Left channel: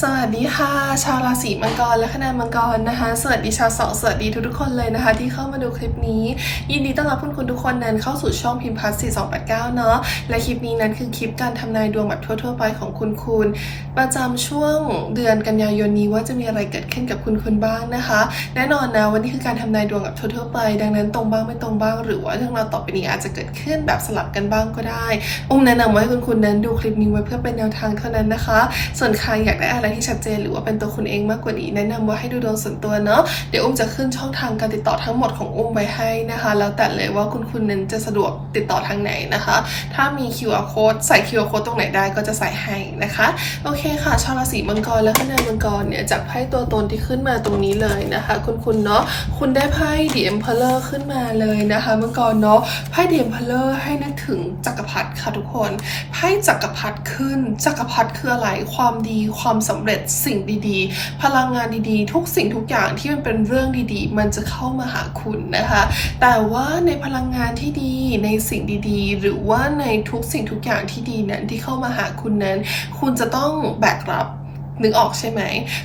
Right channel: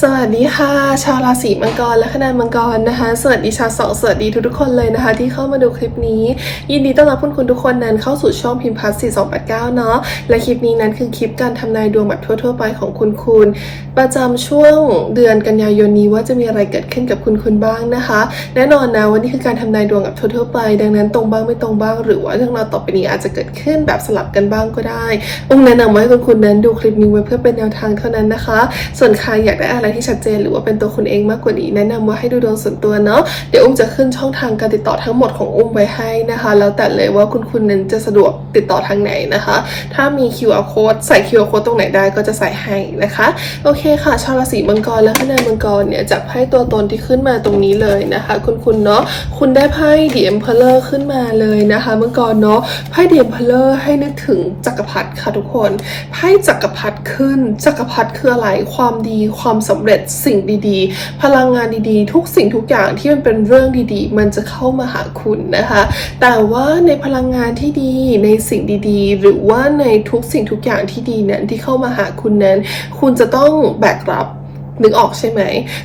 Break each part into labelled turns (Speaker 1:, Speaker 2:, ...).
Speaker 1: สวัสดีค่ะ ชาวราศีมังกรและคณะมังกรนะคะ สวัสดีชาวสองสวัสดีทุกๆคนเลยนะคะ ที่เข้ามาดูคลิปนี้ ยินดีต้อนรับคุณคุณทุกคนนั้นเข้าสู่ช่องพิมพ์พัส4289เนาะและคลิปนี้นั้นคือคลิปการทำนายดวงแบบทั่วๆไปของคุณคุณประจำช่วงเดือนกันยายนนี้ว่าจะมีอะไรเกิดขึ้นกับคุณคุณบ้างนะคะ แน่นอนนะวันนี้คือการทำนายดวงแบบทั่วๆไป ดังนั้นตรงบ้างไม่ตรงบ้าง หรือว่าเรื่องราวต่อไปนี้อาจจะเกิดขึ้นแบบสลับกันบ้างก็ได้อุ้มแนะนำว่าให้คุณคุณนั้นดูคลิปนี้ไว้เพื่อเป็นแนวทางเท่านั้นนะคะ ส่วนใครอยากได้อะไรที่ชัดเจนหรือว่าเป็นตัวคุณเองมากกว่านี้ แนะนำว่าให้ดูดวงส่วนตัวเนาะเดี๋ยวอุ้มจะขึ้นช่องทางการติดต่อทั้งหมดของอุ้มไว้ให้นะคะ แล้วแต่เลยว่าคุณคุณนั้นจะสะดวกติดต่อทางไหนนะคะ ถ้ามี QR code ใส่ QR code ตรงไหนได้ก็จะใส่ให้นะคะ โอเคค่ะ ชาวราศีมังกรและคณะมังกรเนี่ยจากไพ่ตัวตนที่ขึ้นมาตรงนี้เลยนะคะ คุณคุณเนาะคุณได้ไพ่ The Emperor ขึ้นมาเลยนะคะมังกรเนาะไพ่ The Emperor ให้นึกถึงจักรพรรดิค่ะทุกคนไพ่จักรพรรดิขึ้นจักรพรรดิคืออะไรความดีความสำเร็จสิ่งดีๆ พลังงานดีๆ ทุกสิ่งทุกอย่างที่มันเป็นเรื่องดีๆ มันจะเข้ามาหาคุณนะคะ แต่ว่าในพลังงานที่ดีในสิ่งดีๆ หรือว่าในทุกสิ่งทุกอย่างที่ดีนั้นที่เข้ามาหาคุณนั้น คุณจะต้องแบกรับ นึกออกใช่ไหม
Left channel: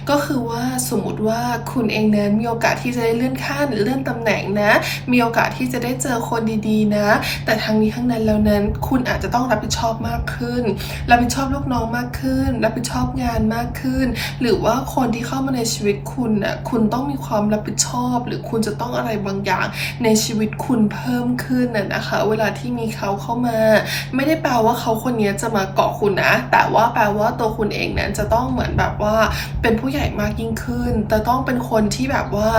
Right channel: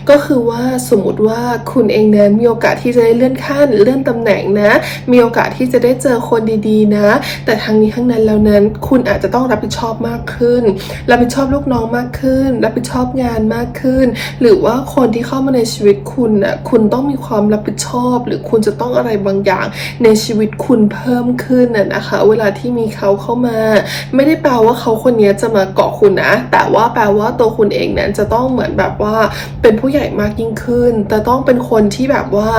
Speaker 1: ก็คือว่าสมมุติว่าคุณเองนั้นมีโอกาสที่จะได้เลื่อนขั้นเลื่อนตำแหน่งนะ มีโอกาสที่จะได้เจอคนดีๆนะ แต่ทั้งนี้ทั้งนั้นแล้วนั้นคุณอาจจะต้องรับผิดชอบมากขึ้น รับผิดชอบลูกน้องมากขึ้น รับผิดชอบงานมากขึ้น หรือว่าคนที่เข้ามาในชีวิตคุณน่ะคุณต้องมีความรับผิดชอบ หรือคุณจะต้องอะไรบางอย่างในชีวิตคุณเพิ่มขึ้นน่ะนะคะ เวลาที่มีเขาเข้ามา ไม่ได้แปลว่าเขาคนนี้จะมาเกาะคุณนะ แต่ว่าแปลว่าตัวคุณเองนั้นจะต้องเหมือนแบบแบบว่าเป็นผู้ใหญ่มากยิ่งขึ้น แต่ต้องเป็นคนที่แบบว่า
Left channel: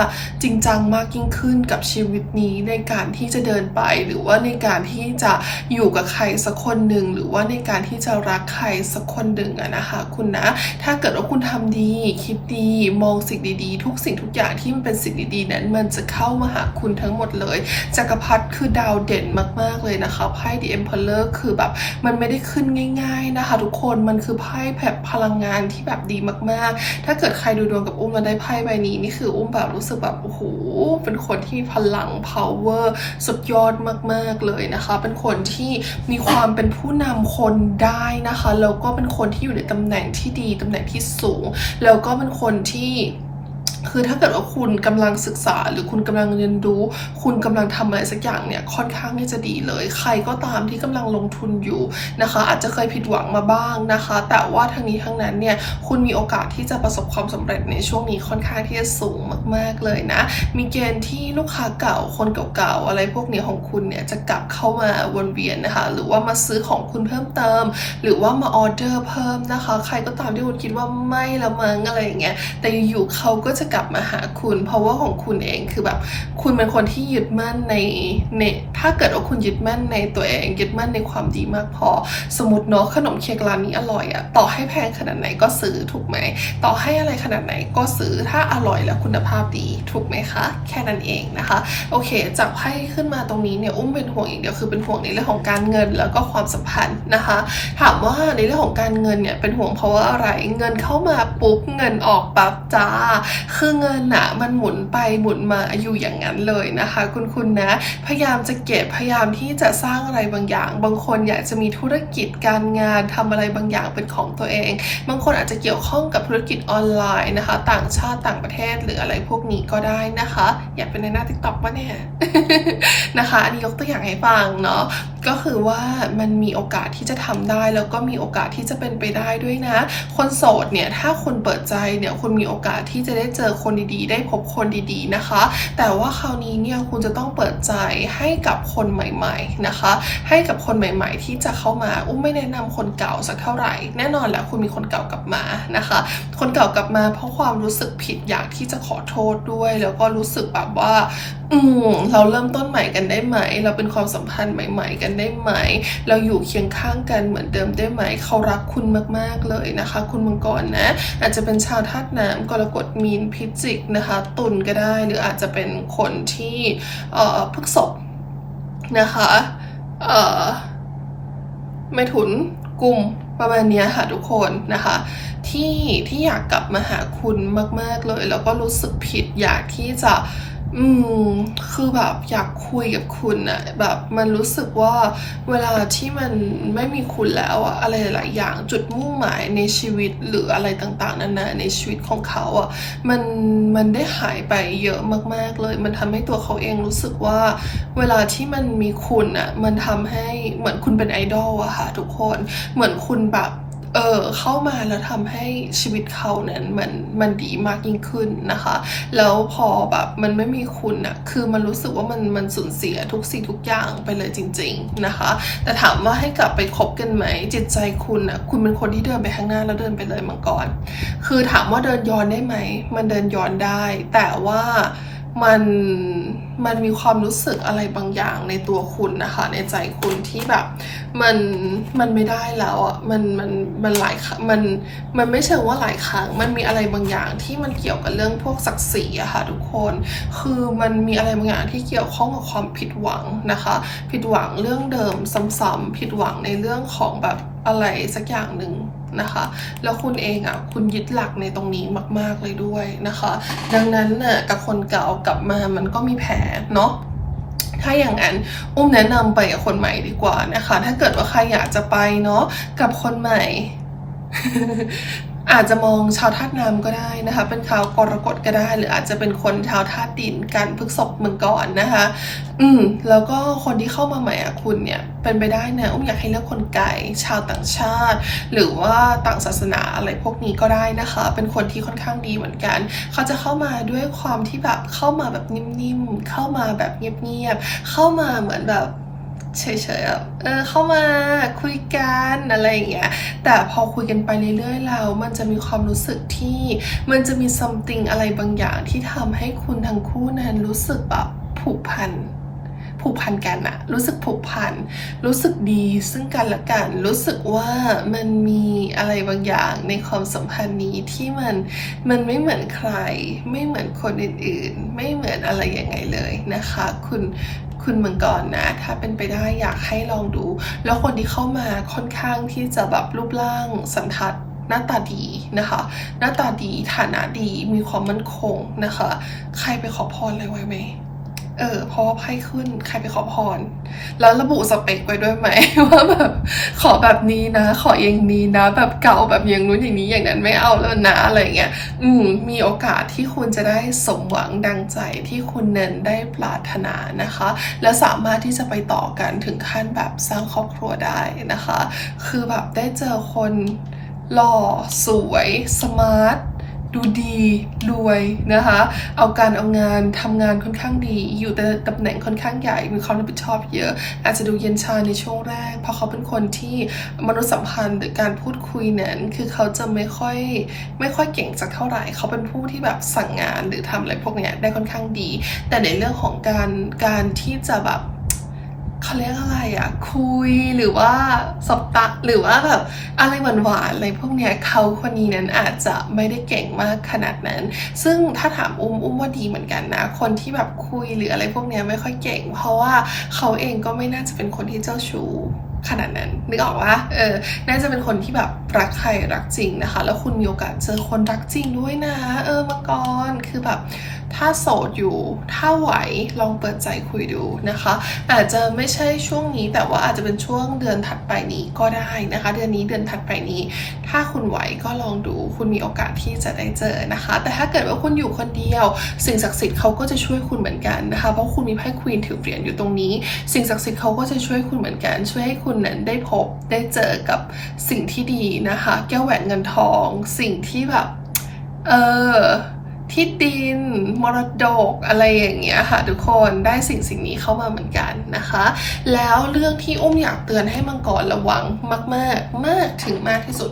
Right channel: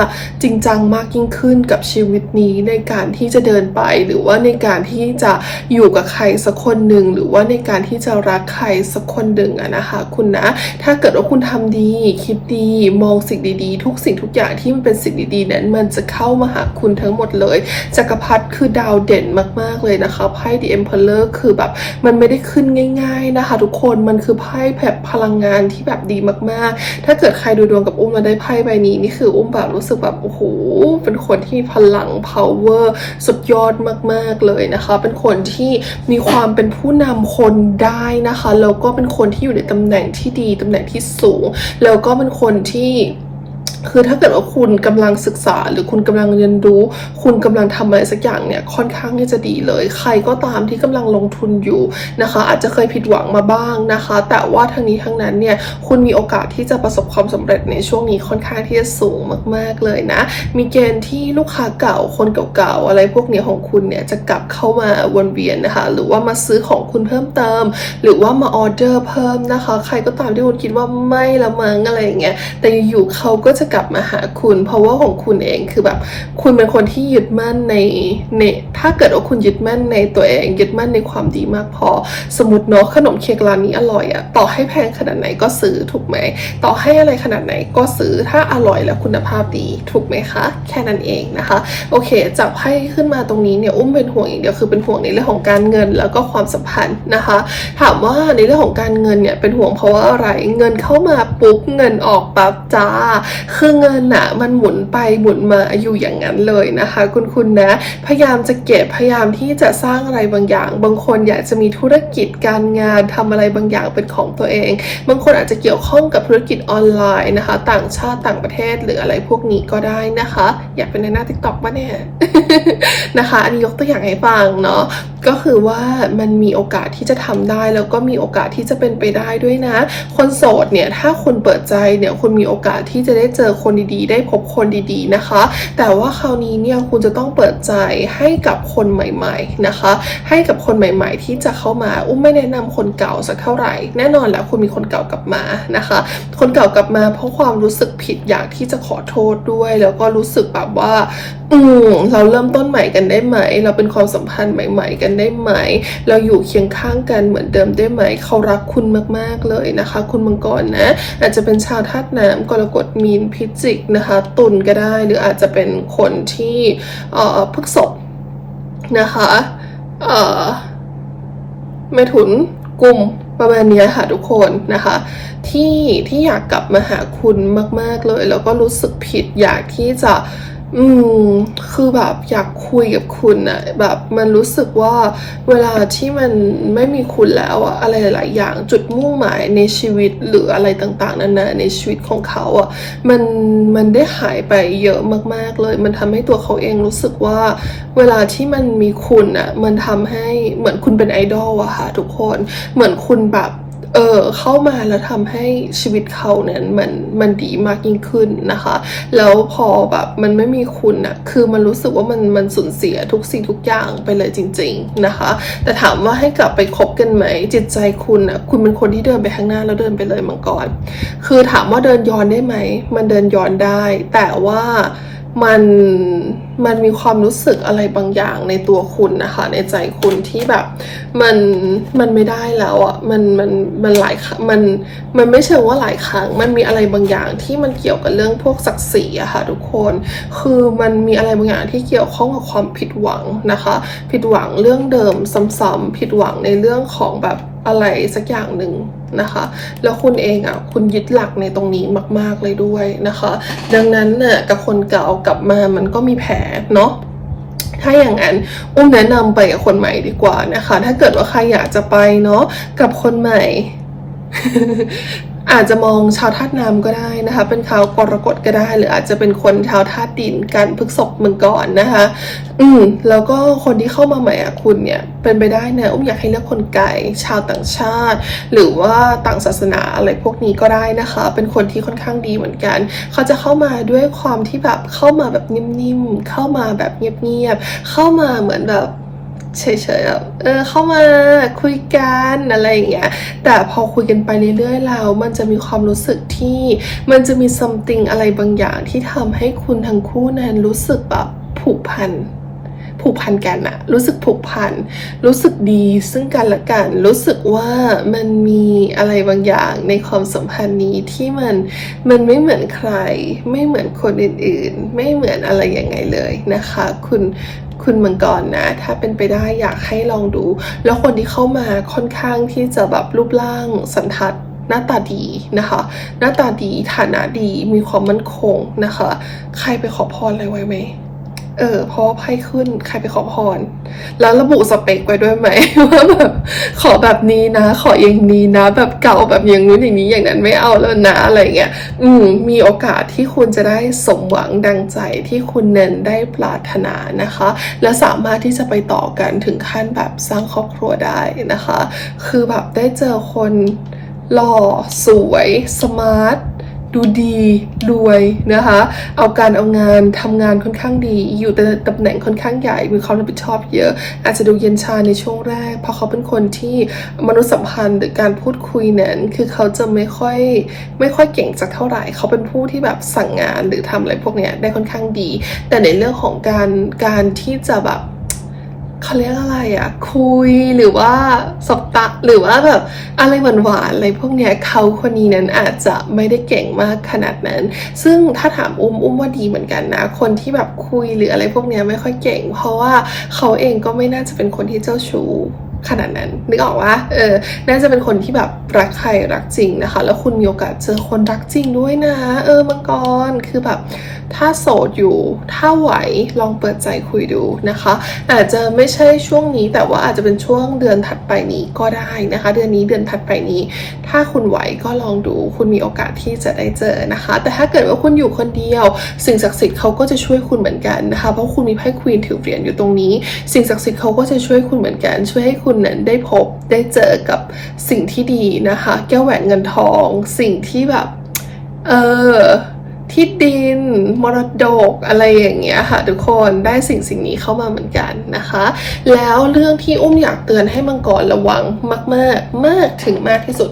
Speaker 1: จริงจังมากยิ่งขึ้นกับชีวิตนี้ในการที่จะเดินไป หรือว่าในการที่จะอยู่กับใครสักคนหนึ่งหรือว่าในการที่จะรักใครสักคนหนึ่งอะนะคะคุณนะ ถ้าเกิดว่าคุณทำดี คิดดีมองสิ่งดีๆ ทุกสิ่งทุกอย่างที่มันเป็นสิ่งดีๆนั้นมันจะเข้ามาหาคุณทั้งหมดเลยจักรพรรดิคือดาวเด่นมาก ๆเลยนะคะไพ่ The Emperor คือแบบมันไม่ได้ขึ้นง่าย ๆนะคะ ทุกคนมันคือไพ่แบบพลังงานที่แบบดีมากๆ ถ้าเกิดใครดูดวงกับอุ้มมาได้ไพ่ใบนี้นี่คืออุ้มแบบรู้สึกแบบโอ้โหเป็นคนที่มีพลัง power สุดยอดมากๆเลยนะคะ เป็นคนที่มีความเป็นผู้นำคนได้นะคะแล้วก็เป็นคนที่อยู่ในตำแหน่งที่ดีตำแหน่งที่สูง แล้วก็เป็นคนที่ คือถ้าเกิดว่าคุณกำลังศึกษา หรือคุณกำลังเรียนรู้ คุณกำลังทำอะไรสักอย่างเนี่ยค่อนข้างที่จะดีเลย ใครก็ตามที่กำลังลงทุนอยู่นะคะ อาจจะเคยผิดหวังมาบ้างนะคะ แต่ว่าทั้งนี้ทั้งนั้นเนี่ยคุณมีโอกาสที่จะประสบความสำเร็จในช่วงนี้ค่อนข้างที่จะสูงมาก ๆเลยนะ มีเกณฑ์ที่ลูกค้าเก่าคนเก่าๆอะไรพวกเนี้ยของคุณเนี่ยจะกลับเข้ามาวนเวียนนะคะ หรือว่ามาซื้อของคุณเพิ่มเติม หรือว่ามาออเดอร์เพิ่มนะคะ ใครก็ตามที่คุณคิดว่าไม่ละมั้งอะไรอย่างเงี้ยแต่อยู่ๆเขาก็จะกลับมาหาคุณ เพราะว่าของคุณเองคือแบบ คุณเป็นคนที่ยึดมั่นในในถ้าเกิดว่าคุณยึดมั่นในตัวเองยึดมั่นในความดีมากพอ สมมติเนาะขนมเค้กร้านนี้อร่อยอะต่อให้แพงขนาดไหนก็ซื้อถูกไหมต่อให้อะไรขนาดไหนก็ซื้อถ้าอร่อยและคุณภาพดีถูกไหมคะ แค่นั้นเองนะคะ โอเคจับไพ่ขึ้นมาตรงนี้เนี่ยอุ้มเป็นห่วงอย่างเดียวคือเป็นห่วงในเรื่องของการเงินแล้วก็ความสัมพันธ์นะคะ ถามว่าในเรื่องของการเงินเนี่ยเป็นห่วงเพราะว่าอะไรเงินเข้ามาปุ๊บเงินออกปั๊บจ้าคืือเงินอะมันหมุนไปหมุนมาอยู่อย่างนั้นเลยนะคะ คุณคุณนะ พยายามจะเก็บพยายามที่จะสร้างอะไรบางอย่าง บางคนอยากจะมีธุรกิจการงานทำอะไรบางอย่างเป็นของตัวเอง บางคนอาจจะเกี่ยวข้องกับธุรกิจออนไลน์นะคะ ต่างชาติต่างประเทศหรืออะไรพวกนี้ก็ได้นะคะ อยากเป็นในหน้าทิกตอกปะเนี่ยนะคะ อันนี้ยกตัวอย่างให้ฟังเนาะก็คือว่ามันมีโอกาสที่จะทำได้แล้วก็มีโอกาสที่จะเป็นไปได้ด้วยนะ คนโสดเนี่ยถ้าคุณเปิดใจเนี่ยคุณมีโอกาสที่จะได้เจออคนดีๆ ได้พบคนดีๆนะคะ แต่ว่าคราวนี้เนี่ยคุณจะต้องเปิดใจให้กับคนใหม่ๆนะคะ ให้กับคนใหม่ ๆ ที่จะเข้ามาอุ้มไม่แนะนำคนเก่าสักเท่าไหร่ แน่นอนแล้วคุณมีคนเก่ากลับมานะคะ คนเก่ากลับมาเพราะความรู้สึกผิดอยากที่จะขอโทษด้วย แล้วก็รู้สึกแบบว่า อืมเราเริ่มต้นใหม่กันได้ไหม เราเป็นความสัมพันธ์ใหม่ ๆ กันได้ไหม เราอยู่เคียงข้างกันเหมือนเดิมได้ไหม เขารักคุณมากๆเลยนะคะ คุณมังกรนะ อาจจะเป็นชาวธาตุน้ำกรกฎมีนพิจิกนะคะตุลก็ได้ หรืออาจจะเป็นคนที่เอ่อพฤกษบนะคะเอ่อไม่ถุนกลุ่มประมาณเนี้ยค่ะทุกคนนะคะ ที่ที่อยากกลับมาหาคุณมาก ๆเลย แล้วก็รู้สึกผิดอยากที่จะ อืมคือแบบอยากคุยกับคุณอะแบบมันรู้สึกว่าเวลาที่มันไม่มีคุณแล้วอะอะไรหลาย ๆ อย่างจุดมุ่งหมายในชีวิตหรืออะไรต่าง ๆนานาในชีวิตของเขาอะมันมันได้หายไปเยอะมาก ๆ เลย มันทำให้ตัวเขาเองรู้สึกว่า เวลาที่มันมีคุณอะมันทำให้เหมือนคุณเป็นไอดอลอะค่ะทุกคน เหมือนคุณแบบ เออเข้ามาแล้วทำให้ชีวิตเขาเนี่ยมันมันดีมากยิ่งขึ้นนะคะ แล้วพอแบบมันไม่มีคุณอะคือมันรู้สึกว่ามันมันสูญเสียทุกสิ่งทุกอย่างไปเลยจริง ๆนะคะ แต่ถามว่าให้กลับไปคบกันไหม จิตใจคุณอะคุณเป็นคนที่เดินไปข้างหน้าแล้วเดินไปเลยมังกรคือถามว่าเดินย้อนได้ไหม มันเดินย้อนได้ แต่ว่า มันมันมีความรู้สึกอะไรบางอย่างในตัวคุณนะคะ ในใจคุณที่แบบมันมันไม่ได้แล้วอะ่ะมันมันมันหลายมันมันไม่เชิงว่าหลายครั้ง มันมีอะไรบางอย่างที่มันเกี่ยวกับเรื่องพวกศักดิ์ศรีอะค่ะทุกคน คือมันมีอะไรบางอย่างที่เกี่ยวข้องกับความผิดหวังนะคะ ผิดหวังเรื่องเดิมซ้ำๆผิดหวังในเรื่องของแบบอะไรสักอย่างหนึ่งนะคะ แล้วคุณเองอะคุณยึดหลักในตรงนี้มาก ๆเลยด้วยนะคะ ดังนั้นน่ะกับคนเก่ากลับมามันก็มีแผลเนาะถ้าอย่างนั้นอุ้มแนะนำไปกับคนใหม่ดีกว่านะคะ ถ้าเกิดว่าใครอยากจะไปเนาะกับคนใหม่ อาจจะมองชาวธาตุน้ำก็ได้นะคะ เป็นชาวกรกฎก็ได้ หรืออาจจะเป็นคนชาวธาตุดินกันพฤกษบมังกรนะคะ อืมแล้วก็คนที่เข้ามาใหม่อะคุณเนี่ยเป็นไปได้นะอุ้มอยากให้เลือกคนไกลชาวต่างชาติ หรือว่าต่างศาสนาอะไรพวกนี้ก็ได้นะคะ เป็นคนที่ค่อนข้างดีเหมือนกัน เขาจะเข้ามาด้วยความที่แบบเข้ามาแบบนิ่มๆเข้ามาแบบเงียบๆเข้ามาเหมือนแบบ เฉยๆแบบเออเข้ามาคุยกันอะไรอย่างเงี้ย แต่พอคุยกันไปเรื่อยๆแล้วมันจะมีความรู้สึกที่มันจะมี something อะไรบางอย่างที่ทำให้คุณทั้งคู่นั้นรู้สึกแบบผูกพัน ผูกพันกันอะรู้สึกผูกพัน รู้สึกดีซึ่งกันและกัน รู้สึกว่ามันมีอะไรบางอย่างในความสัมพันธ์นี้ที่มันมันไม่เหมือนใคร ไม่เหมือนคนอื่นๆ ไม่เหมือนอะไรยังไงเลยนะคะ คุณคุณมังกรนะ ถ้าเป็นไปได้อยากให้ลองดู แล้วคนที่เข้ามาค่อนข้างที่จะแบบรูปร่างสันทัดหน้าตาดีนะคะ หน้าตาดีฐานะดีมีความมั่นคงนะคะ ใครไปขอพรอะไรไว้ไหม เออเพราะไพ่ขึ้นใครไปขอพร แล้วระบุสเปคไว้ด้วยไหมว่าแบบขอแบบนี้นะ ขออย่างนี้นะ แบบเก่าแบบอย่างนู้นอย่างนี้อย่างนั้นไม่เอาแล้วนะอะไรเงี้ยอืมมีโอกาสที่คุณจะได้สมหวังดังใจที่คุณเน้นได้ปรารถนานะคะ และสามารถที่จะไปต่อกันถึงขั้นแบบสร้างครอบครัวได้นะคะ คือแบบได้เจอคนหล่อสวยสมาร์ท ดูดีรวยนะคะ เอาการเอางานทำงานค่อนข้างดี อยู่ในตำแหน่งค่อนข้างใหญ่มีความรับผิดชอบเยอะ อาจจะดูเย็นชาในช่วงแรก เพราะเขาเป็นคนที่มนุษยสัมพันธ์หรือการพูดคุยนั้นคือเขาจะไม่ค่อยไม่ค่อยเก่งสักเท่าไหร่ เขาเป็นผู้ที่แบบสั่งงานหรือทำอะไรพวกเนี้ยได้ค่อนข้างดี แต่ในเรื่องของการการที่จะแบบ เขาเรียกอะไรอะคุยหรือว่าสบตะหรือว่าแบบอะไรหวานๆอะไรพวกเนี้ยเขาคนนี้นั้นอาจจะไม่ได้เก่งมากขนาดนั้น ซึ่งถ้าถามอุ้มอุ้มว่าดีเหมือนกันนะ คนที่แบบคุยหรืออะไรพวกเนี้ยไม่ค่อยเก่ง เพราะว่าเขาเองก็ไม่น่าจะเป็นคนที่เจ้าชู้ ขนาดนั้นนึกออกว่าเออน่าจะเป็นคนที่แบบรักใครรักจริงนะคะ แล้วคุณมีโอกาสเจอคนรักจริงด้วยนะ เออมังกรคือแบบ ถ้าโสดอยู่ ถ้าไหวลองเปิดใจคุยดูนะคะ อาจจะไม่ใช่ช่วงนี้แต่ว่าอาจจะเป็นช่วงเดือนถัดไปนี้ก็ได้นะคะ เดือนนี้เดือนถัดไปนี้ ถ้าคุณไหวก็ลองดู คุณมีโอกาสที่จะได้เจอนะคะ แต่ถ้าเกิดว่าคุณอยู่คนเดียว สิ่งศักดิ์สิทธิ์เขาก็จะช่วยคุณเหมือนกันนะคะเพราะคุณมีไพ่ควีนถือเหรียญอยู่ตรงนี้ สิ่งศักดิ์สิทธิ์เขาก็จะช่วยคุณเหมือนกัน ช่วยให้คุณนั้นได้พบได้เจอกับสิ่งที่ดีนะคะ แก้วแหวนเงินทอง สิ่งที่แบบเออที่ดินมรดกอะไรอย่างเงี้ยค่ะทุกคนได้สิ่งสิ่งนี้เข้ามาเหมือนกันนะคะ แล้วเรื่องที่อุ้มอยากเตือนให้มังกรระวังมากๆมากถึงมากที่สุด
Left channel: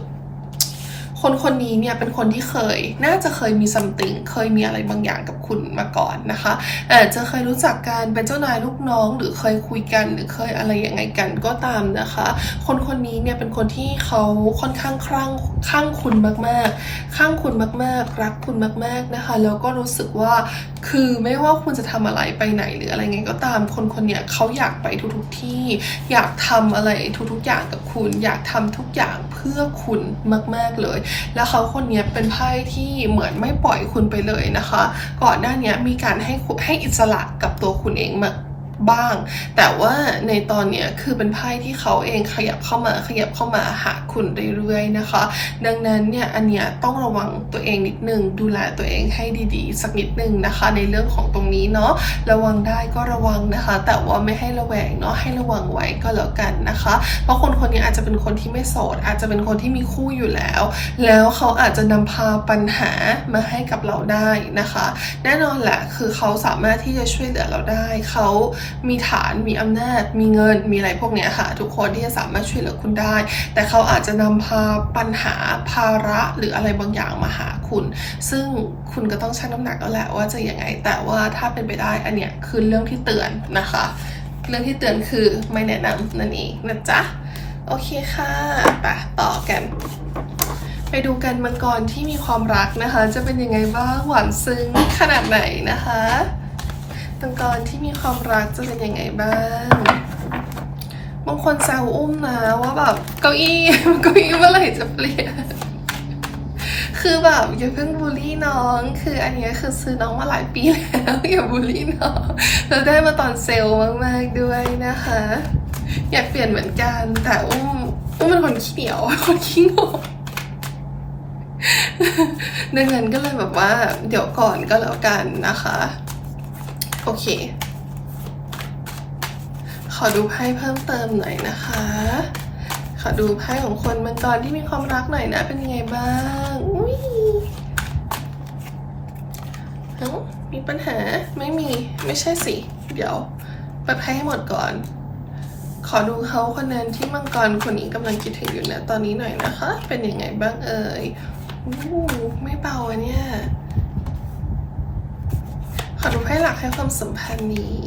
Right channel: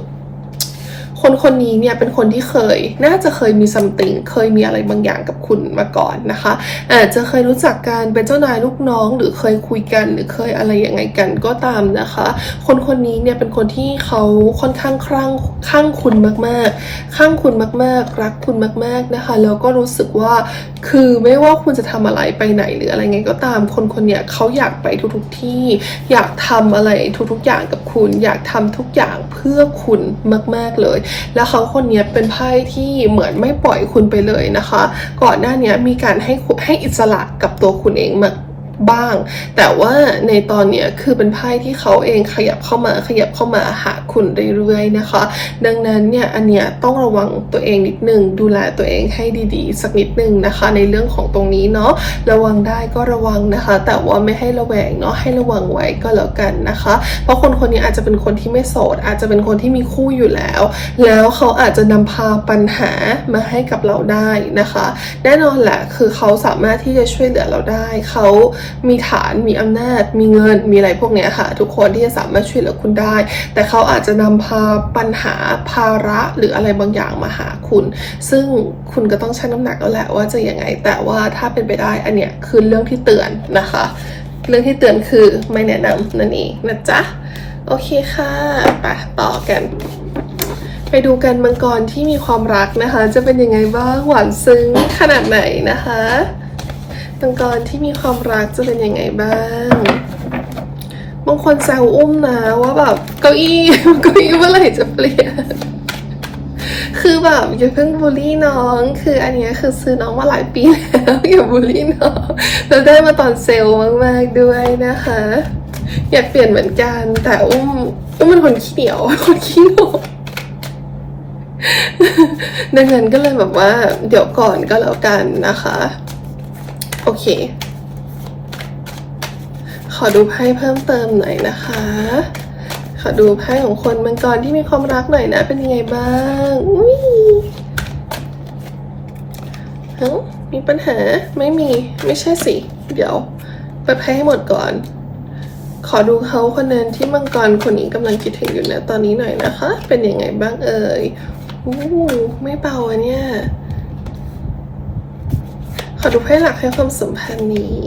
Speaker 1: คนคนนี้เนี่ยเป็นคนที่เคย น่าจะเคยมีซัมติงเคยมีอะไรบางอย่างกับคุณมาก่อนนะคะ อาจจะเคยรู้จักกันเป็นเจ้านายลูกน้อง หรือเคยคุยกันหรือเคยอะไรยังไงกันก็ตามนะคะ คนคนนี้เนี่ยเป็นคนที่เขาค่อนข้างคลั่งข้างคุณมากๆข้างคุณมากๆ รักคุณมาก ๆนะคะแล้วก็รู้สึกว่าคือไม่ว่าคุณจะทำอะไรไปไหนหรืออะไรไงก็ตาม คนคนเนี้ยเขาอยากไปทุกๆที่ อยากทำอะไรทุกๆอย่างกับคุณ อยากทำทุกอย่างเพื่อคุณมาก ๆเลยแล้วเขาคนนี้เป็นไพ่ที่เหมือนไม่ปล่อยคุณไปเลยนะคะ ก่อนหน้านี้มีการให้ให้อิสระกับตัวคุณเองมา บ้าง แต่ว่าในตอนเนี้ยคือเป็นไพ่ที่เขาเองขยับเข้ามาขยับเข้ามาหาคุณเรื่อยๆนะคะ ดังนั้นเนี่ยอันเนี้ยต้องระวังตัวเองนิดนึง ดูแลตัวเองให้ดีๆ สักนิดนึงนะคะ ในเรื่องของตรงนี้เนาะระวังได้ก็ระวังนะคะ แต่ว่าไม่ให้ระแวงเนาะให้ระวังไว้ก็แล้วกันนะคะ เพราะคนคนนี้อาจจะเป็นคนที่ไม่โสด อาจจะเป็นคนที่มีคู่อยู่แล้ว แล้วเขาอาจจะนำพาปัญหามาให้กับเราได้นะคะ แน่นอนแหละคือเขาสามารถที่จะช่วยเหลือเราได้เขามีฐานมีอำนาจ มีเงินมีอะไรพวกเนี้ยค่ะ ทุกคนที่จะสามารถช่วยเหลือคุณได้ แต่เขาอาจจะนำพาปัญหาภาระหรืออะไรบางอย่างมาหาคุณ ซึ่งคุณก็ต้องชั่งน้ำหนักแล้วแหละว่าจะยังไง แต่ว่าถ้าเป็นไปได้อันเนี้ยคือเรื่องที่เตือนนะคะ เรื่องที่เตือนคือไม่แนะนำนั่นเองนะจ๊ะโอเคค่ะไปต่อกัน ไปดูกันมังกรที่มีความรักนะคะ จะเป็นยังไงบ้างหวานซึ้งขนาดไหนนะคะ มังกรที่มีความรักจะเป็นยังไงบ้างบางคนแซวอุ้มนะว่าแบบเก้าอี้เก้าอี้เมื่อไหร่จะเปลี่ยนคือแบบอย่าเพิ่งบูลลี่น้อง คืออันนี้คือซื้อน้องมาหลายปีแล้วอย่าบูลลี่น้องแล้วได้มาตอนเซลล์มากๆด้วยนะคะ อยากเปลี่ยนเหมือนกัน แต่อุ้มอุ้มเป็นคนขี้เหนียวคนขี้งกดังนั้นก็เลยแบบว่า เดี๋ยวก่อนก็แล้วกันนะคะ โอเค ขอดูไพ่เพิ่มเติมหน่อยนะคะ ขอดูไพ่ของคนมังกรที่มีความรักหน่อยนะ เป็นยังไงบ้างอุ้ยเอ้มีปัญหาไม่มีไม่ใช่สิ เดี๋ยวเปิดไพ่ให้หมดก่อน ขอดูเขาคนนั้นที่มังกรคนนี้กำลังคิดถึงอยู่นะตอนนี้หน่อยนะคะ เป็นยังไงบ้างเอ่ยอู้ไม่เบาอะเนี่ย ขอดูไพ่หลักให้ความสัมพันธ์นี้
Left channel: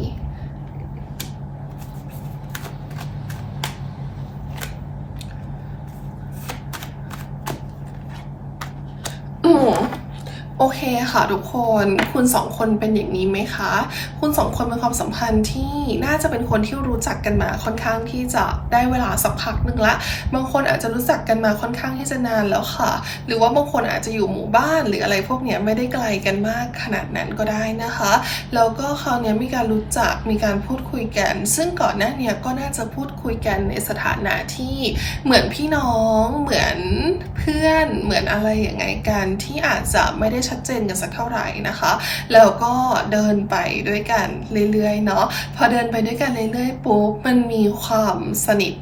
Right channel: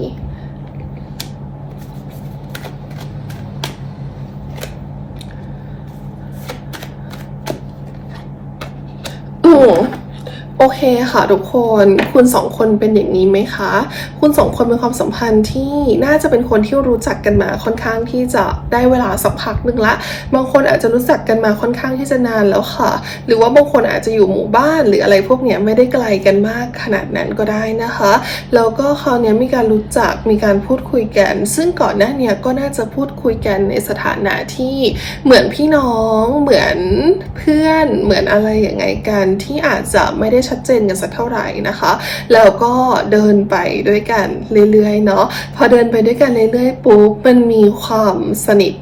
Speaker 1: อืมโอ เคค่ะทุกคนคุณสองคนเป็นอย่างนี้ไหมคะ คุณสองคนเป็นความสัมพันธ์ที่น่าจะเป็นคนที่รู้จักกันมาค่อนข้างที่จะได้เวลาสักพักหนึ่งละ บางคนอาจจะรู้จักกันมาค่อนข้างที่จะนานแล้วค่ะ หรือว่าบางคนอาจจะอยู่หมู่บ้านหรืออะไรพวกเนี้ยไม่ได้ไกลกันมากขนาดนั้นก็ได้นะคะ แล้วก็คราวนี้มีการรู้จักมีการพูดคุยกัน ซึ่งก่อนหน้าเนี้ยก็น่าจะพูดคุยกันในสถานะที่เหมือนพี่น้องเหมือนเพื่อนเหมือนอะไรอย่างไงกันที่อาจจะไม่ได้ชัดเจนกันสักเท่าไหร่นะคะ แล้วก็เดินไปด้วยกันเรื่อยๆเนาะพอเดินไปด้วยกันเรื่อยๆปุ๊บมันมีความสนิท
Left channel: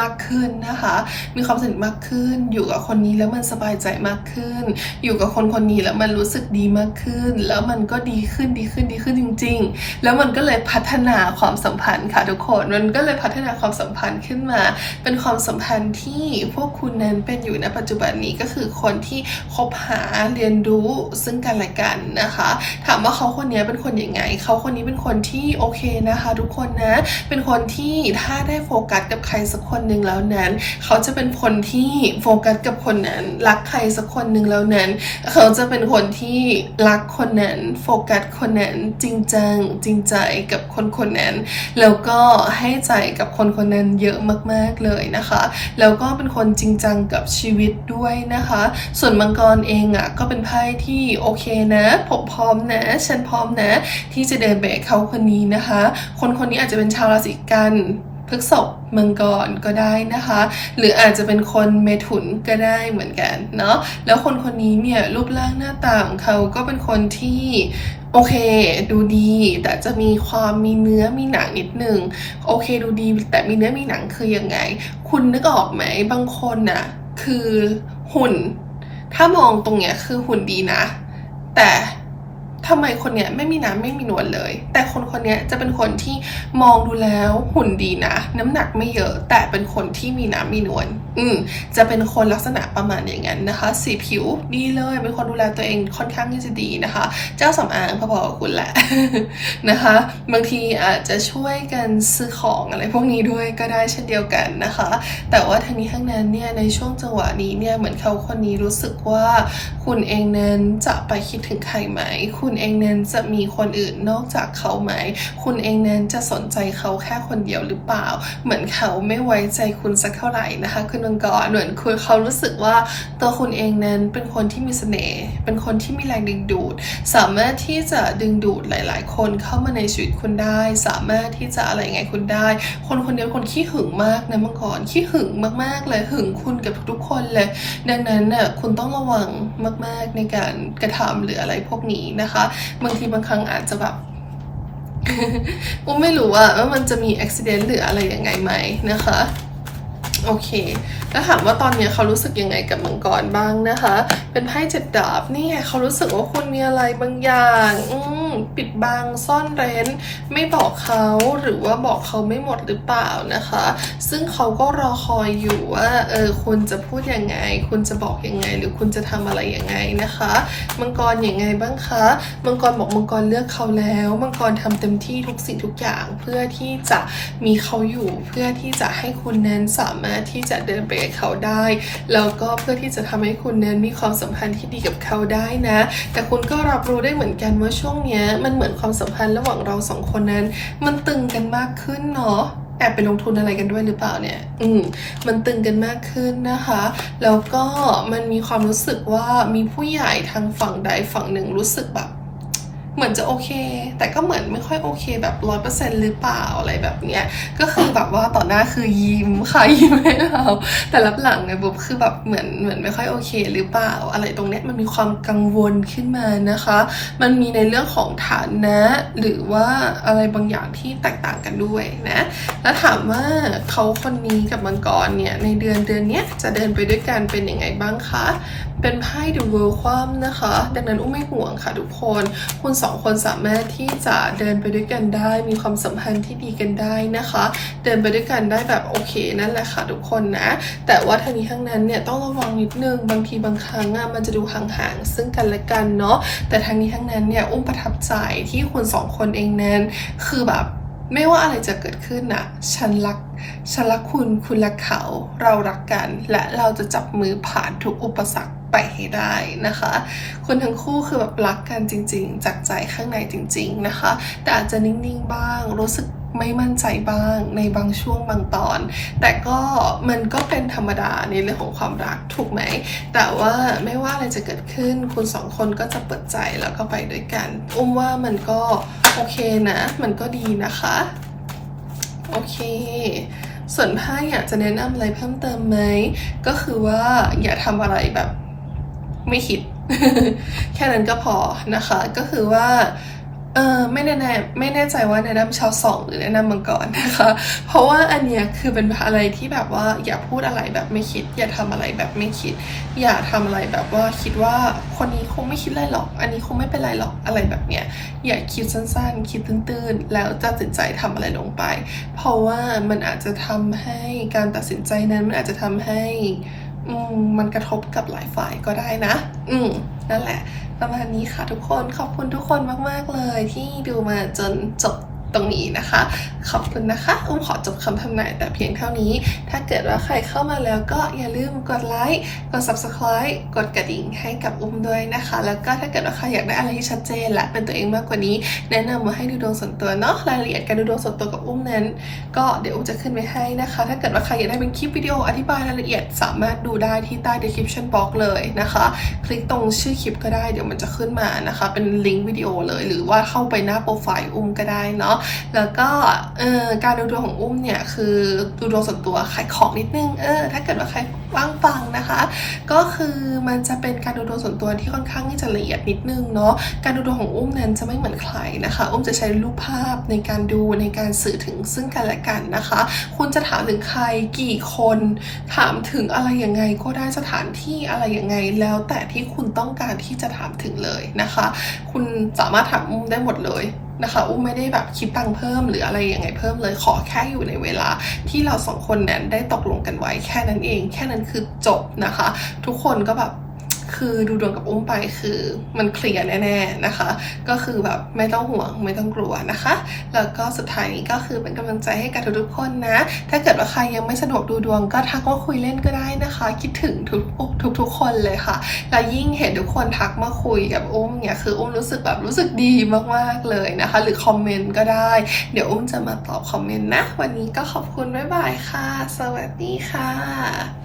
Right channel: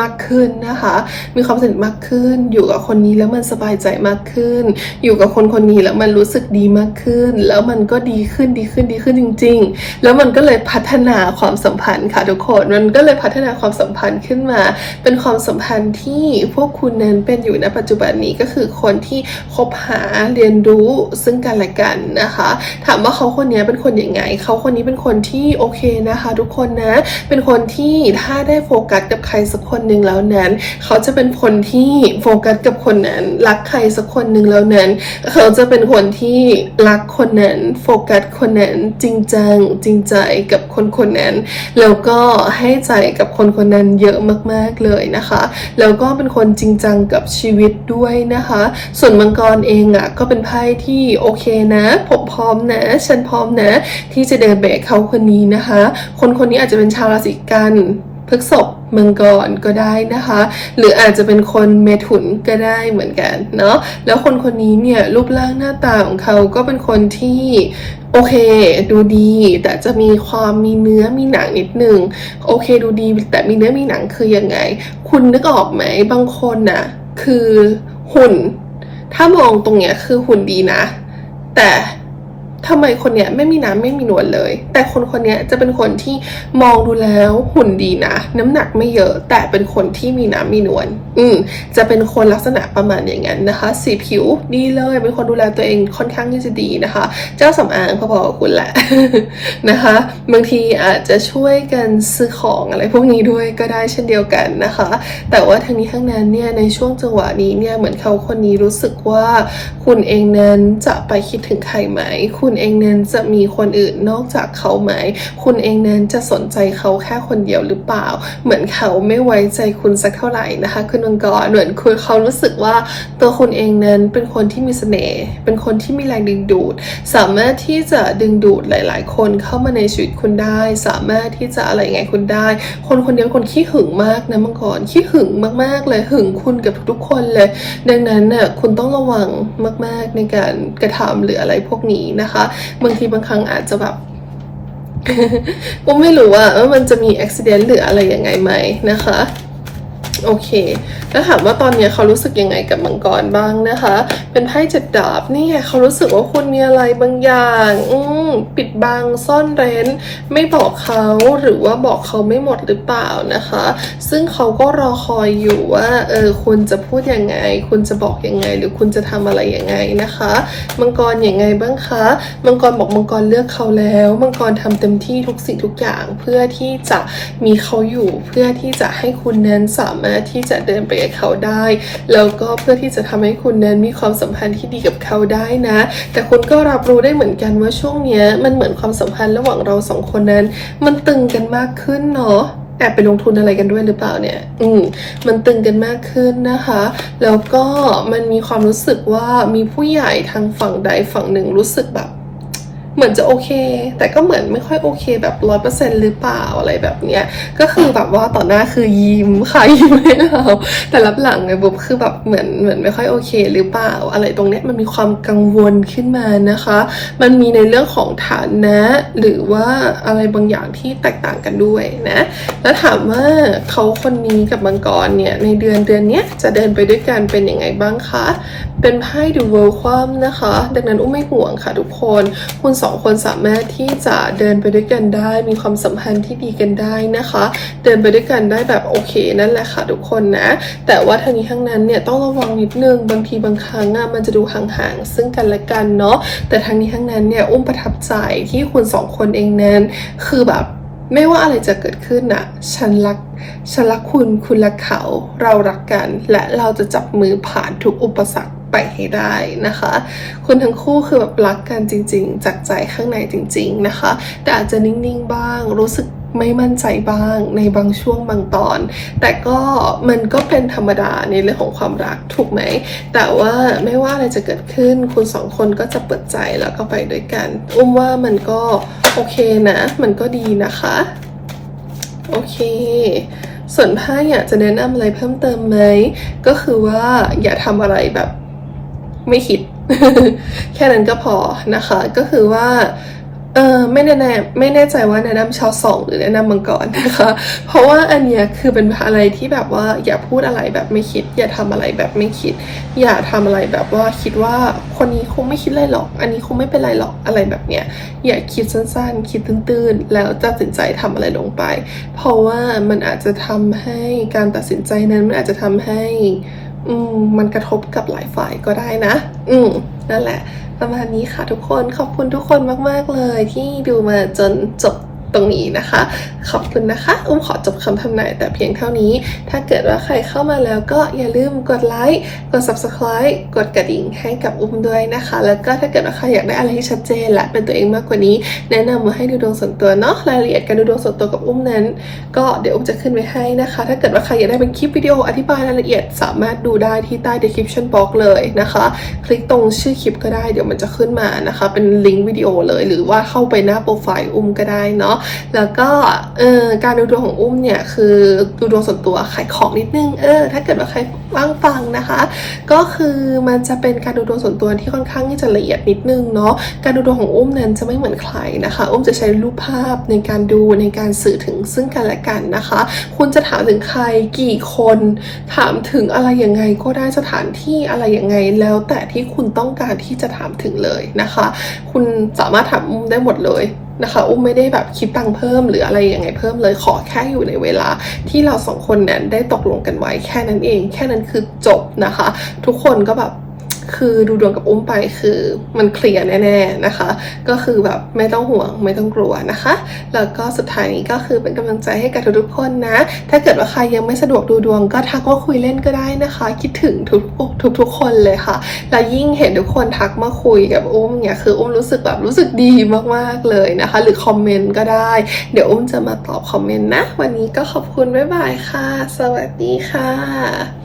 Speaker 1: มากขึ้นนะคะ มีความสนิทมากขึ้น อยู่กับคนนี้แล้วมันสบายใจมากขึ้น อยู่กับคนคนนี้แล้วมันรู้สึกดีมากขึ้น แล้วมันก็ดีขึ้นดีขึ้นดีขึ้นจริง ๆ แล้วมันก็เลยพัฒนาความสัมพันธ์ค่ะทุกคน มันก็เลยพัฒนาความสัมพันธ์ขึ้นมา เป็นความสัมพันธ์ที่พวกคุณนั้นเป็นอยู่ณปัจจุบันนี้ก็คือคนที่คบหาเรียนรู้ซึ่งกันและกันนะคะ ถามว่าเขาคนนี้เป็นคนยังไง เขาคนนี้เป็นคนที่โอเคนะคะ ทุกคนนะ เป็นคนที่ถ้าได้โฟกัสกับใครสักคนหนึ่งแล้วนั้น เขาจะเป็นคนที่โฟกัสกับคนนั้น รักใครสักคนหนึ่งแล้วนั้น เขาจะเป็นคนที่รักคนนั้น โฟกัสคนนั้นจริงจังจริงใจกับคนคนนั้น แล้วก็ให้ใจกับคนคนนั้นเยอะมากๆเลยนะคะ แล้วก็เป็นคนจริงจังกับชีวิตด้วยนะคะ ส่วนมังกรเองอะก็เป็นไพ่ที่โอเคนะผมพร้อมนะ ฉันพร้อมนะ ที่จะเดินไปกับเขาคนนี้นะคะ คนคนนี้อาจจะเป็นชาวราศีกัน พฤษภมังกรก็ได้นะคะ หรืออาจจะเป็นคนเมถุนก็ได้เหมือนกันเนาะแล้วคนคนนี้เนี่ยรูปร่างหน้าตาของเขาก็เป็นคนที่โอเค ดูดี แต่จะมีความมีเนื้อมีหนังนิดนึงโอเค ดูดี แต่มีเนื้อมีหนังคือยังไง คุณนึกออกไหมบางคนน่ะคือหุ่น ถ้ามองตรงเนี้ยคือหุ่นดีนะ แต่ ทำไมคนเนี้ยไม่มีน้ำไม่มีนวลเลย แต่คนคนเนี้ยจะเป็นคนที่มองดูแล้วหุ่นดีนะ น้ำหนักไม่เยอะ แต่เป็นคนที่มีน้ำมีนวลอืมจะเป็นคนลักษณะประมาณอย่างนั้นนะคะ สีผิวดีเลยเป็นคนดูแลตัวเองค่อนข้างที่จะดีนะคะ เจ้าสำอางพอๆกับคุณแหละนะคะ บางทีอาจจะช่วยกันซื้อของอะไรพวกนี้ด้วยก็ได้เช่นเดียวกันนะคะ แต่ว่าทั้งนี้ทั้งนั้นเนี่ยในช่วงจังหวะนี้เนี่ยเหมือนเขาคนนี้รู้สึกว่าคุณเองนั้นจะไปคิดถึงใครไหมคุณคุณเองนั้นจะมีคนอื่นนอกจากเขาไหม คุณเองนั้นจะสนใจเขาแค่คนเดียวหรือเปล่า เหมือนเขาไม่ไว้ใจคุณสักเท่าไหร่นะคะคุณมังกรเหมือนคุณเขารู้สึกว่าตัวคุณเองนั้นเป็นคนที่มีเสน่ห์เป็นคนที่มีแรงดึงดูด สามารถที่จะดึงดูดหลาย ๆ คนเข้ามาในชีวิตคุณได้ สามารถที่จะอะไรไงคุณได้ คนคนเดียวคนขี้หึงมากนะมังกรขี้หึงมากๆเลยหึงคุณกับทุกๆคนเลย ดังนั้นน่ะคุณต้องระวังมาก ๆ ในการกระทำหรืออะไรพวกนี้นะคะบางทีบางครั้งอาจจะแบบก็ไม่รู้ว่ามันจะมีอุบิเหตุหรืออะไรยังไงไหมนะคะ โอเค แล้วถามว่าตอนนี้เขารู้สึกยังไงกับมังกรบ้างนะคะ เป็นไพ่เจ็ดดาบนี่ไงเขารู้สึกว่าคุณมีอะไรบางอย่าง อืปิดบังซ่อนเร้น ไม่บอกเขาหรือว่าบอกเขาไม่หมดหรือเปล่านะคะ ซึ่งเขาก็รอคอยอยู่ว่าเออคุณจะพูดยังไง คุณจะบอกยังไง หรือคุณจะทำอะไรยังไงนะคะมังกรยังไงบ้างคะมังกรบอกมังกรเลือกเขาแล้วมังกรทำเต็มที่ทุกสิ่งทุกอย่างเพื่อที่จะมีเขาอยู่เพื่อที่จะให้คุณนั้นสามารถที่จะเดินไปกับเขาได้ แล้วก็เพื่อที่จะทำให้คุณนั้นมีความสัมพันธ์ที่ดีกับเขาได้นะ แต่คุณก็รับรู้ได้เหมือนกันว่าช่วงเนี้ยมันเหมือนความสัมพันธ์ระหว่างเราสองคนนั้น มันตึงกันมากขึ้นเนาะแอบไปลงทุนอะไรกันด้วยหรือเปล่าเนี่ย อืม มันตึงกันมากขึ้นนะคะ แล้วก็มันมีความรู้สึกว่ามีผู้ใหญ่ทางฝั่งใดฝั่งหนึ่งรู้สึกแบบ เหมือนจะโอเค แต่ก็เหมือนไม่ค่อยโอเคแบบร้อยเปอร์เซ็นหรือเปล่าอะไรแบบเนี้ย ก็คือแบบว่าต่อหน้าคือยิ้มค่ะยิ้มให้เราแต่รับหลังไงบุ๊บคือแบบเหมือนเหมือนไม่ค่อยโอเค หรือเปล่า อะไรตรงเนี้ยมันมีความกังวลขึ้นมานะคะ มันมีในเรื่องของฐานะ หรือว่าอะไรบางอย่างที่แตกต่างกันด้วยนะ แล้วถามว่าเขาคนนี้กับมังกรเนี่ยในเดือนเดือนเนี้ยจะเดินไปด้วยกันเป็นยังไงบ้างคะ เป็นไพ่ดูเวิลด์ความนะคะ ดังนั้นอุ้มไม่ห่วงค่ะทุกคนคุณสองคนสามารถที่จะเดินไปด้วยกันได้ มีความสัมพันธ์ที่ดีกันได้นะคะ เดินไปด้วยกันได้แบบโอเคนั่นแหละค่ะทุกคนนะ แต่ว่าทางนี้ทั้งนั้นเนี่ยต้องระวังนิดนึงบางทีบางครั้งอะมันจะดูห่างๆซึ่งกันและกันเนาะแต่ทางนี้ทั้งนั้นเนี่ยอุ้มประทับใจที่คุณสองคนเองนั้น คือแบบไม่ว่าอะไรจะเกิดขึ้นน่ะฉันรัก ฉันรักคุณ คุณรักเขา เรารักกัน และเราจะจับมือผ่านทุกอุปสรรค ไปให้ได้นะคะ คนทั้งคู่คือแบบรักกันจริง ๆ จากใจข้างในจริง ๆนะคะ แต่อาจจะนิ่งๆบ้างรู้สึกไม่มั่นใจบ้างในบางช่วงบางตอน แต่ก็มันก็เป็นธรรมดาในเรื่องของความรักถูกไหม แต่ว่าไม่ว่าอะไรจะเกิดขึ้น คุณสองคนก็จะเปิดใจแล้วก็ไปด้วยกัน อุ้มว่ามันก็โอเคนะ มันก็ดีนะคะ โอเคส่วนไพ่อยากจะแนะนำอะไรเพิ่มเติมไหม ก็คือว่าอย่าทำอะไรแบบ ไม่คิด แค่นั้นก็พอนะคะ ก็คือว่าเออไม่แน่แน่ไม่แน่ใจว่าแนะนำชาวสองหรือแนะนำมังกรนะคะ เพราะว่าอันเนี้ยคือเป็นอะไรที่แบบว่าอย่าพูดอะไรแบบไม่คิด อย่าทำอะไรแบบไม่คิด อย่าทำอะไรแบบว่าคิดว่าคนนี้คงไม่คิดอะไรหรอก อันนี้คงไม่เป็นไรหรอกอะไรแบบเนี้ยอย่าคิดสั้นๆ คิดตื้นๆ แล้วตัดสินใจทำอะไรลงไป เพราะว่ามันอาจจะทำให้การตัดสินใจนั้นมันอาจจะทำให้ อืมมันกระทบกับหลายฝ่ายก็ได้นะ อืมนั่นแหละ ประมาณนี้ค่ะทุกคนขอบคุณทุกคนมาก ๆ เลยที่ดูมาจนจบ ตรงนี้นะคะ ขอบคุณนะคะ อุ้มขอจบคำทำนายแต่เพียงเท่านี้ ถ้าเกิดว่าใครเข้ามาแล้วก็อย่าลืมกดไลค์ กด subscribe กดกระดิ่งให้กับอุ้มด้วยนะคะ แล้วก็ถ้าเกิดว่าใครอยากได้อะไรที่ชัดเจนและเป็นตัวเองมากกว่านี้ แนะนำมาให้ดูดวงส่วนตัวเนาะ รายละเอียดการดูดวงส่วนตัวกับอุ้มนั้น ก็เดี๋ยวอุ้มจะขึ้นไว้ให้นะคะ ถ้าเกิดว่าใครอยากได้เป็นคลิปวิดีโออธิบายรายละเอียด สามารถดูได้ที่ใต้ description box เลยนะคะ คลิกตรงชื่อคลิปก็ได้ เดี๋ยวมันจะขึ้นมานะคะ เป็นลิงก์วิดีโอเลย หรือว่าเข้าไปหน้าโปรไฟล์อุ้มก็ได้เนาะแล้วก็เออการดูดวงของอุ้มเนี่ยคือดูดวงส่วนตัวขายของนิดนึงเออถ้าเกิดว่าใครว่างฟังนะคะ ก็คือมันจะเป็นการดูดวงส่วนตัวที่ค่อนข้างที่จะละเอียดนิดนึงเนาะการดูดวงของอุ้มนั้นจะไม่เหมือนใครนะคะ อุ้มจะใช้รูปภาพในการดูในการสื่อถึงซึ่งกันและกันนะคะ คุณจะถามถึงใครกี่คนถามถึงอะไรยังไงก็ได้สถานที่อะไรยังไงแล้วแต่ที่คุณต้องการที่จะถามถึงเลยนะคะ คุณสามารถถามอุ้มได้หมดเลยนะคะ อุ้มไม่ได้แบบคิดตังค์เพิ่มหรืออะไรยังไงเพิ่มเลยขอแค่อยู่ในเวลา ที่เราสองคนนั้นได้ตกลงกันไว้แค่นั้นเอง แค่นั้นคือจบนะคะ ทุกคนก็แบบ คือดูดวงกับอุ้มไปคือมันเคลียร์แน่ๆนะคะ ก็คือแบบไม่ต้องห่วงไม่ต้องกลัวนะคะ แล้วก็สุดท้ายนี้ก็คือเป็นกำลังใจให้กับทุกๆคนนะ ถ้าเกิดว่าใครยังไม่สะดวกดูดวงก็ทักมาคุยเล่นก็ได้นะคะ คิดถึงทุกทุกทุกๆคนเลยค่ะ แล้วยิ่งเห็นทุกคนทักมาคุยกับอุ้มเนี่ยคืออุ้มรู้สึกแบบรู้สึกดีมากๆเลยนะคะ หรือคอมเมนต์ก็ได้ เดี๋ยวอุ้มจะมาตอบคอมเมนต์นะ วันนี้ก็ขอบคุณบ๊ายบายค่ะ สวัสดีค่ะ